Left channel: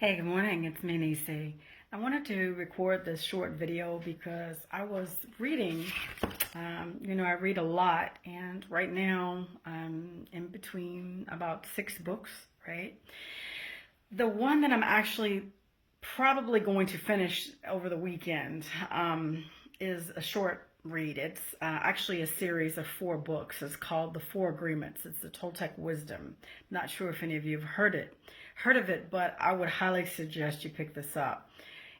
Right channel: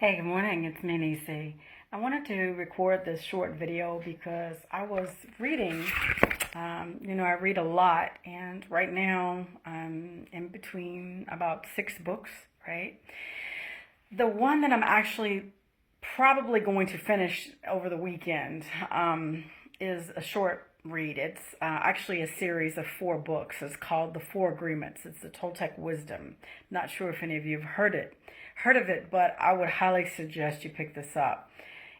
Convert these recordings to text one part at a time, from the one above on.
Hey, good morning. It's me, Nisi. I wanted to record this short video because I was reading. I read a lot, and right now I'm in between about 6 books, right? The one that I'm actually probably going to finish over the weekend is a short read. It's actually a series of 4 books. It's called The Four Agreements. It's the Toltec Wisdom. Not sure if any of you have heard of it, but I would highly suggest you pick this up.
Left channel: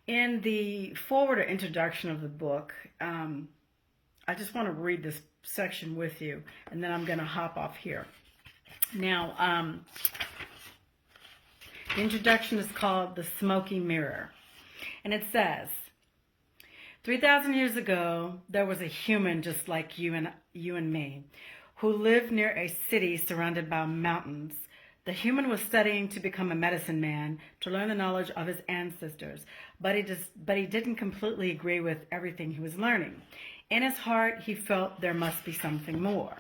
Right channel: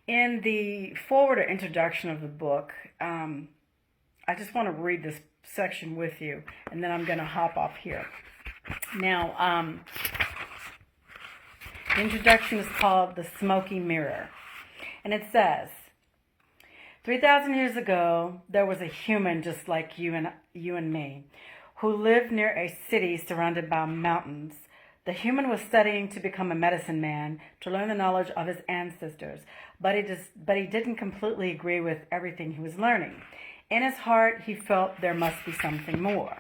In the forward or introduction of the book, I just want to read this section with you, and then I'm going to hop off here. Now, the introduction is called The Smoky Mirror, and it says, 3,000 years ago, there was a human just like you and me, who lived near a city surrounded by mountains. The human was studying to become a medicine man, to learn the knowledge of his ancestors, but he didn't completely agree with everything he was learning. In his heart, he felt there must be something more.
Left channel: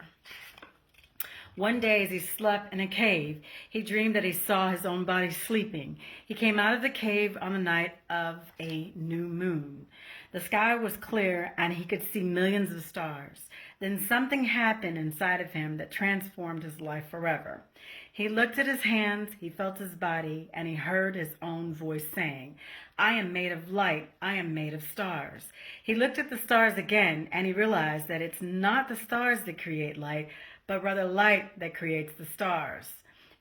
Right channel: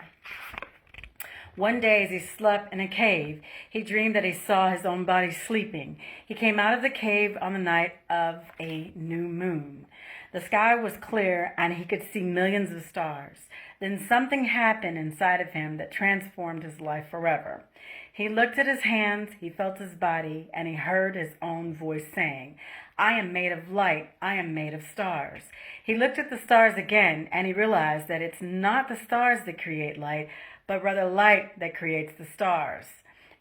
One day, as he slept in a cave, he dreamed that he saw his own body sleeping. He came out of the cave on the night of a new moon. The sky was clear, and he could see millions of stars. Then something happened inside of him that transformed his life forever. He looked at his hands, he felt his body, and he heard his own voice saying, "I am made of light, I am made of stars." He looked at the stars again, and he realized that it's not the stars that create light, but rather light that creates the stars.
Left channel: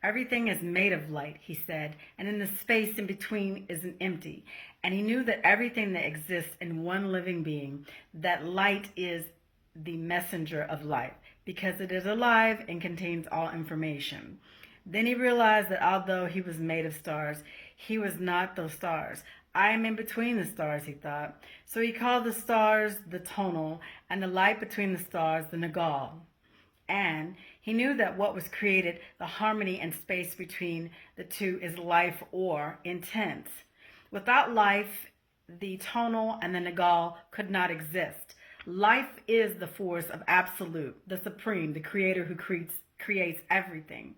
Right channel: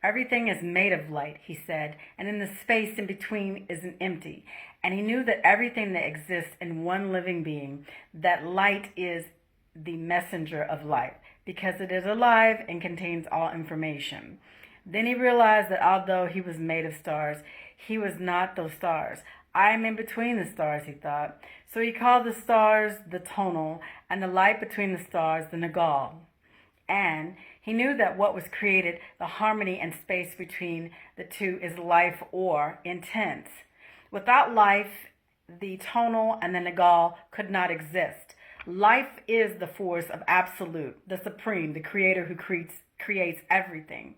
Everything is made of light, he said, and in the space in between isn't empty. And he knew that everything that exists in one living being, that light is the messenger of light, because it is alive and contains all information. Then he realized that although he was made of stars, he was not those stars. I am in between the stars, he thought. So he called the stars the tonal and the light between the stars the nagal. And he knew that what was created, the harmony and space between the two, is life or intent. Without life, the tonal and the nagal could not exist. Life is the force of absolute, the supreme, the creator who creates everything.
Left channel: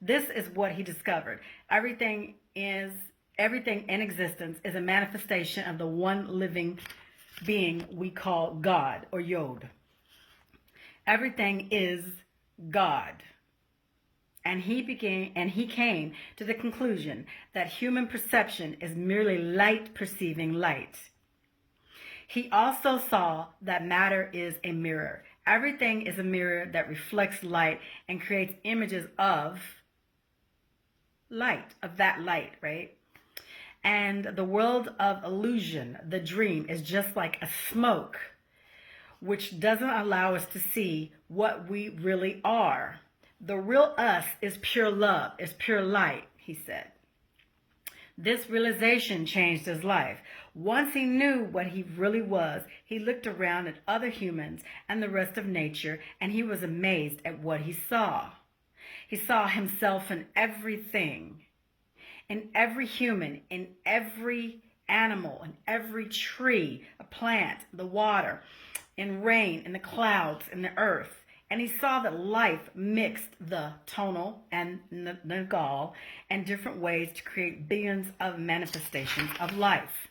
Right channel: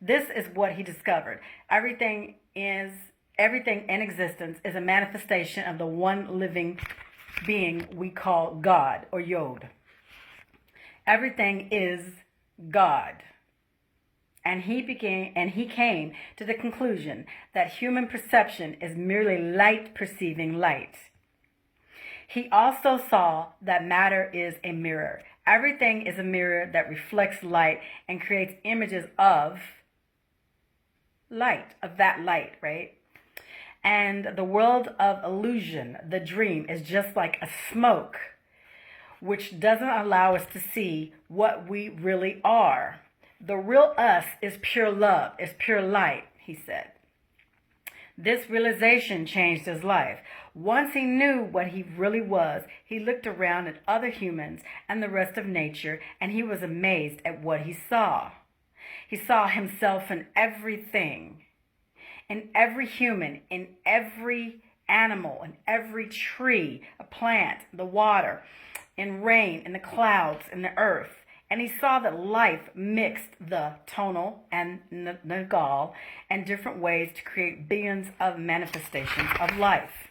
This is what he discovered. Everything in existence is a manifestation of the one living being we call God or Yod. Everything is God. And he came to the conclusion that human perception is merely light perceiving light. He also saw that matter is a mirror. Everything is a mirror that reflects light and creates images of light, of that light, right? And the world of illusion, the dream, is just like a smoke, which doesn't allow us to see what we really are. The real us is pure love, is pure light, he said. This realization changed his life. Once he knew what he really was, he looked around at other humans and the rest of nature, and he was amazed at what he saw. He saw himself in everything, in every human, in every animal, in every tree, a plant, the water, in rain, in the clouds, in the earth. And he saw that life mixed the tonal and nagal and different ways to create billions of manifestations of life.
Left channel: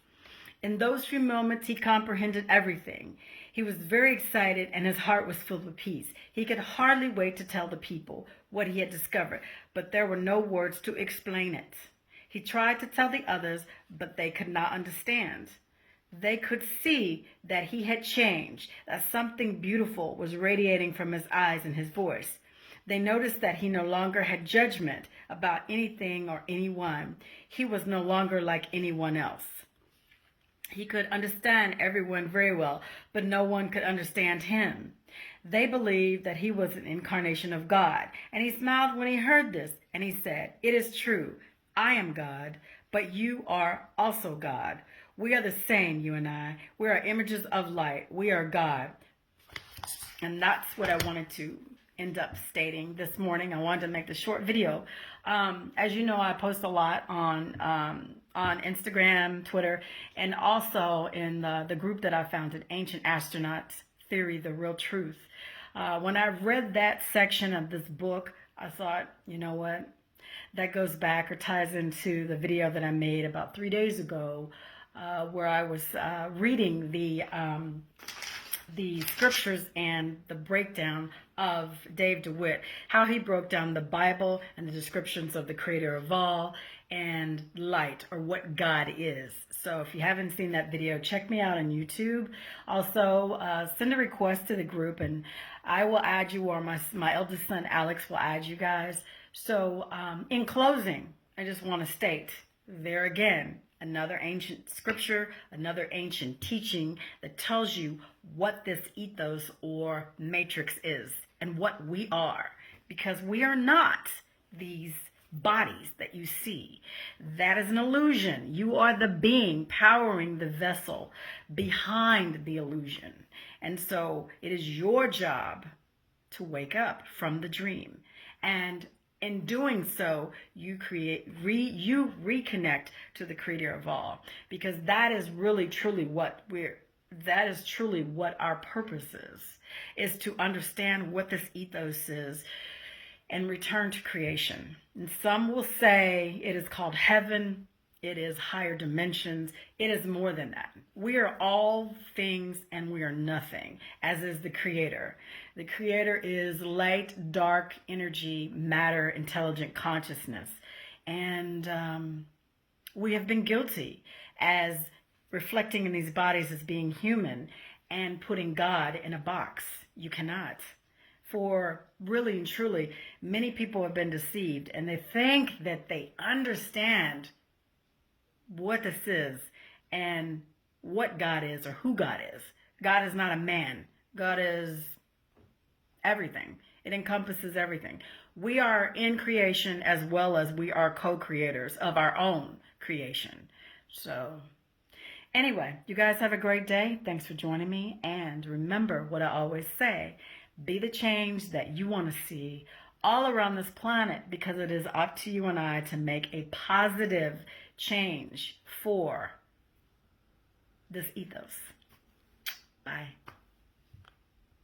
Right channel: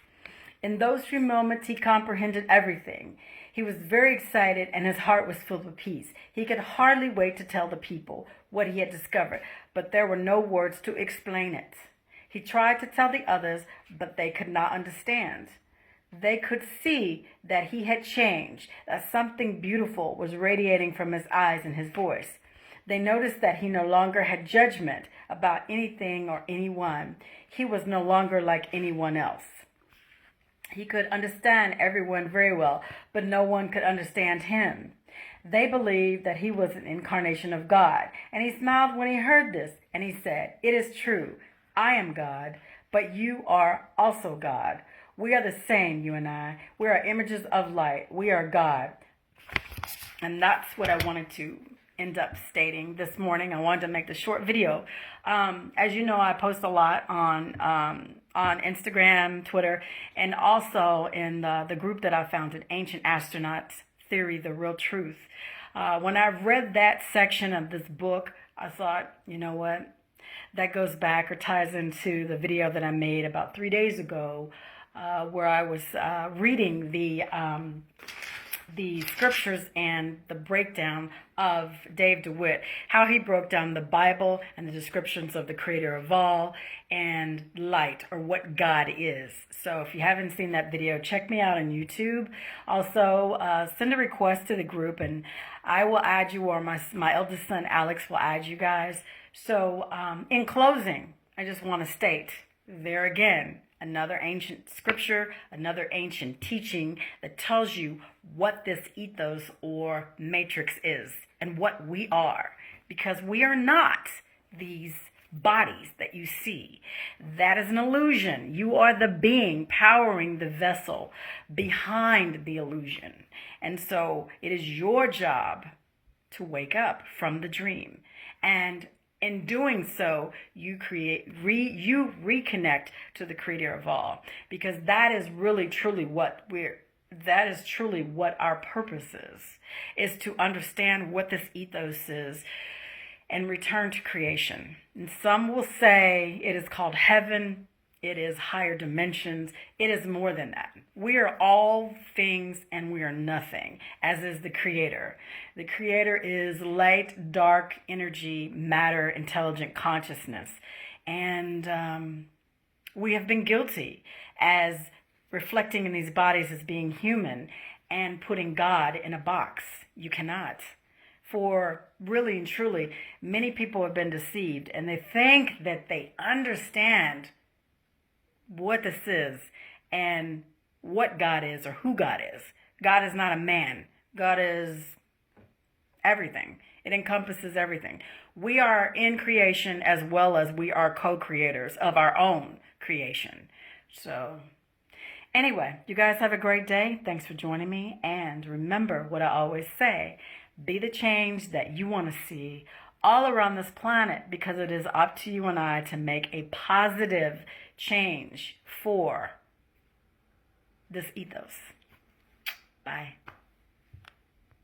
In those few moments, he comprehended everything. He was very excited and his heart was filled with peace. He could hardly wait to tell the people what he had discovered, but there were no words to explain it. He tried to tell the others, but they could not understand. They could see that he had changed, that something beautiful was radiating from his eyes and his voice. They noticed that he no longer had judgment about anything or anyone. He was no longer like anyone else. He could understand everyone very well, but no one could understand him. They believed that he was an incarnation of God, and he smiled when he heard this, and he said, "It is true, I am God, but you are also God. We are the same, you and I. We are images of light. We are God." And that's what I wanted to end up stating this morning. I wanted to make the short video. As you know, I post a lot on Instagram, Twitter, and also in the group that I founded, Ancient Astronauts Theory, The Real Truth. When I read that section of this book, I thought, you know what? that goes back or ties into the video that I made about 3 days ago, where I was reading the scriptures and the breakdown of Dave DeWitt, how he broke down the Bible and the descriptions of the creator of all and light, or what God is. So if you haven't seen that video, check me out on YouTube. Also, send a request to the group and I will add you, or my eldest son Alex will add you guys. So in closing, I just want to state there again, another ancient scripture, another ancient teaching that tells you what this ethos or matrix is and what we are. Because we are not these bodies that you see. That is an illusion. You are the being powering the vessel behind the illusion. And so it is your job to wake up from the dream. And in doing so, you reconnect to the creator of all, because that is really truly what our purpose is to understand what this ethos is and return to creation. And some will say it is called heaven, it is higher dimensions, it is more than that. We are all things and we are nothing, as is the creator. The creator is light, dark, energy, matter, intelligent consciousness. And we have been guilty as reflecting in these bodies as being human and putting God in a box. You cannot. For really and truly, many people have been deceived and they think that they understand what this is and what God is or who God is. God is not a man. God is everything. It encompasses everything. We are in creation as well as we are co-creators of our own creation. So anyway, you guys have a great day. Thanks for joining me. And remember what I always say, be the change that you want to see all around this planet, because it is up to you and I to make a positive change for this ethos. Bye.